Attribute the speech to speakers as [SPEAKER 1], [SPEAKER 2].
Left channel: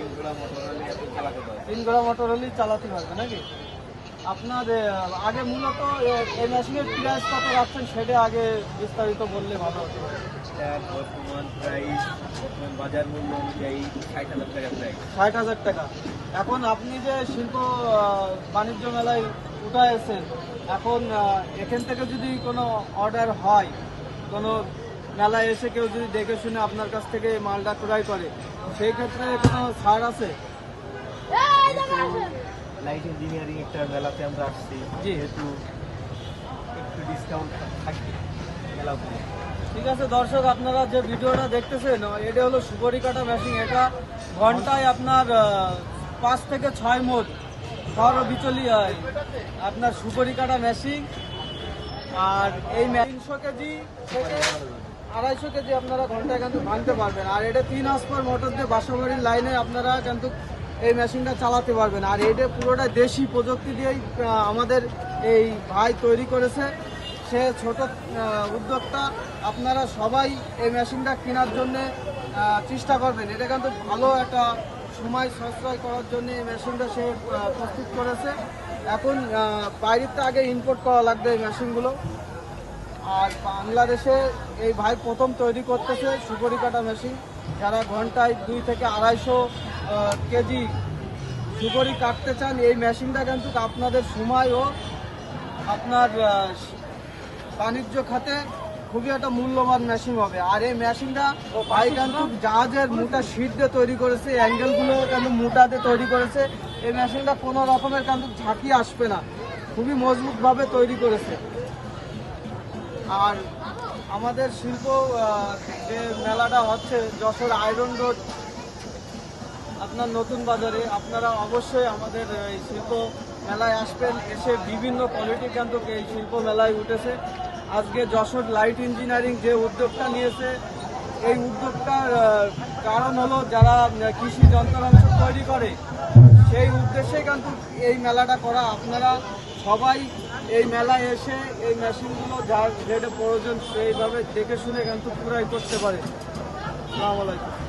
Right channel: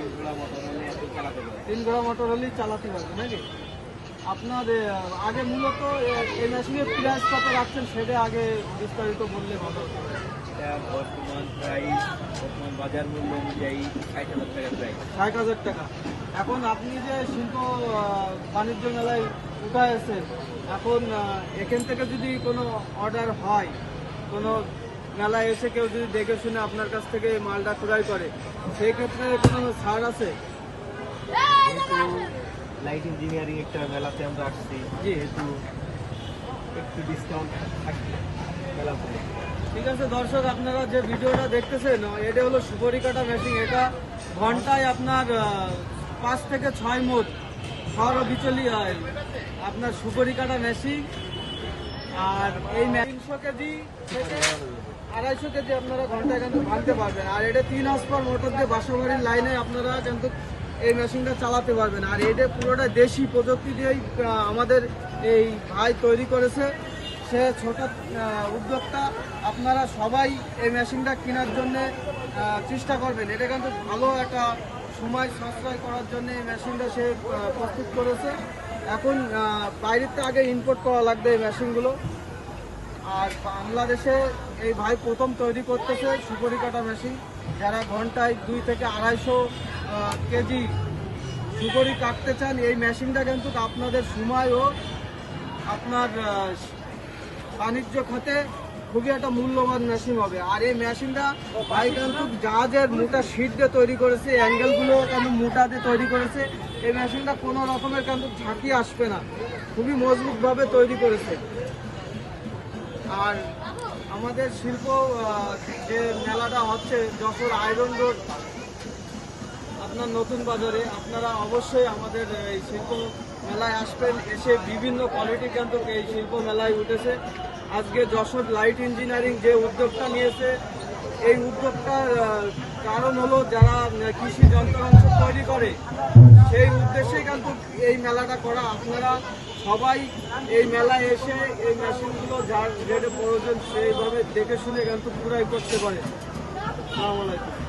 [SPEAKER 1] তিন ঘোড়া মোটর হলে চালাতে
[SPEAKER 2] পারবে নাকি? আপনার আগে মূলত এই মেশিনের প্রাইস কত রাখছেন সেটা আগে বিস্তারিত বললে ভালো
[SPEAKER 1] বর্তমান প্রাইস বর্তমান বাজার মূল্য অনুযায়ী ষাট হাজার টাকা প্রাইস
[SPEAKER 2] ষাট হাজার টাকা। এখন আপনি যে শিল্প বাণিজ্য মেলায় উঠাইছেন এখন এখান থেকে যদি কোনো অর্ডার হয় কোনো মেলায় এসে কেউ যদি দেখে শুনে আপনার কাছ থেকে মালটা ক্রয় করে সেই ক্ষেত্রে কোনো ছাড় আছে?
[SPEAKER 1] লাইট ইঞ্জিনিয়ারিং একটা মেলাতে আমরা আসছি যেহেতু একটু ডিসকাউন্ট থাকবে মেলা
[SPEAKER 2] ঠিক আছে দর্শক আপনারা যে ভিডিওটা দেখতেছেন এটা হলো সুপারি কাটা মেশিন এটা ঘন্টায় আপনার পাঁচ থেকে ছয় মোট সর বিচলি হয় আপনার সুপারি কাটা মেশিন আর এই তিনশো কেজি আড়াইশো কেজি আপনারা ঘন্টায় কিন্তু ভাঙতে পারবেন। আর এটা তিন আসপার মোটর দিয়ে বাসাবাড়ির লাইনে আপনারা কিন্তু এই মেশিনটা চালাতে পারবেন। আর এটা পুরোটা দেশি প্রযুক্তি দিয়েই আমাদের এই ভাই তৈরি করেছে। সে ছোট উদ্যোক্তা। আপনারা সবাই এই মেশিনটা কেনার জন্য চেষ্টা করবেন। এটা কিন্তু ভালো একটা সময় সাশ্রয় করার জন্য এই মেশিনটা সে প্রস্তুত করেছে। এখন বাইরের থেকে আগে ইম্পোর্ট করা লাগবে এই মেশিনগুলো। আর বাংলাদেশে এই ভাই প্রথম তৈরি করতেছে সুপরি কাটা মেশিন, যারা ঘন্টায় দুই থেকে আড়াইশো কেজি সুপরি কাটতে চান, এই মেশিনটা কিন্তু আপনাদের সময় ও আপনার বাণিজ্য খাতে খুবই একটা মূল্যবান মেশিন হবে। আর এই মেশিনটা ভাই কিন্তু জাহাজের মোটা শিট দিয়ে তৈরি করেছে অ্যাঙ্গেলগুলো কিন্তু মোটা দিয়ে তৈরি করেছে, এই মেশিনটা কোনো রকমের কিন্তু ঝাঁকি আসবে না। খুবই মজবুতভাবে তৈরি করেছে। আর আমাদের শিল্প যে মেলাটা হচ্ছে যশোর আয়রন রোড আপনার নতুন বাজারে, আপনারা অবশ্যই আমাদের এই শিল্প মেলায় আসবেন, এসে বিভিন্ন কোয়ালিটি কিন্তু এই শিল্প মেলায় উঠেছে। আজকে যশোর লাইট ইঞ্জিনিয়ারিং যে উদ্যোগটা নিয়েছে, এই উদ্যোগটার কারণ হলো যারা কৃষি যন্ত্রাংশ তৈরি করে, সেই উদ্দেশ্যে কিন্তু এই মেলাটা করা। আপনারা সবাই এই মেলায় এসে এই মেশিনগুলো যার যেটা প্রয়োজন সেইভাবে দেখে শুনে কিন্তু পুরাই করতে পারে আসসালামু আলাইকুম।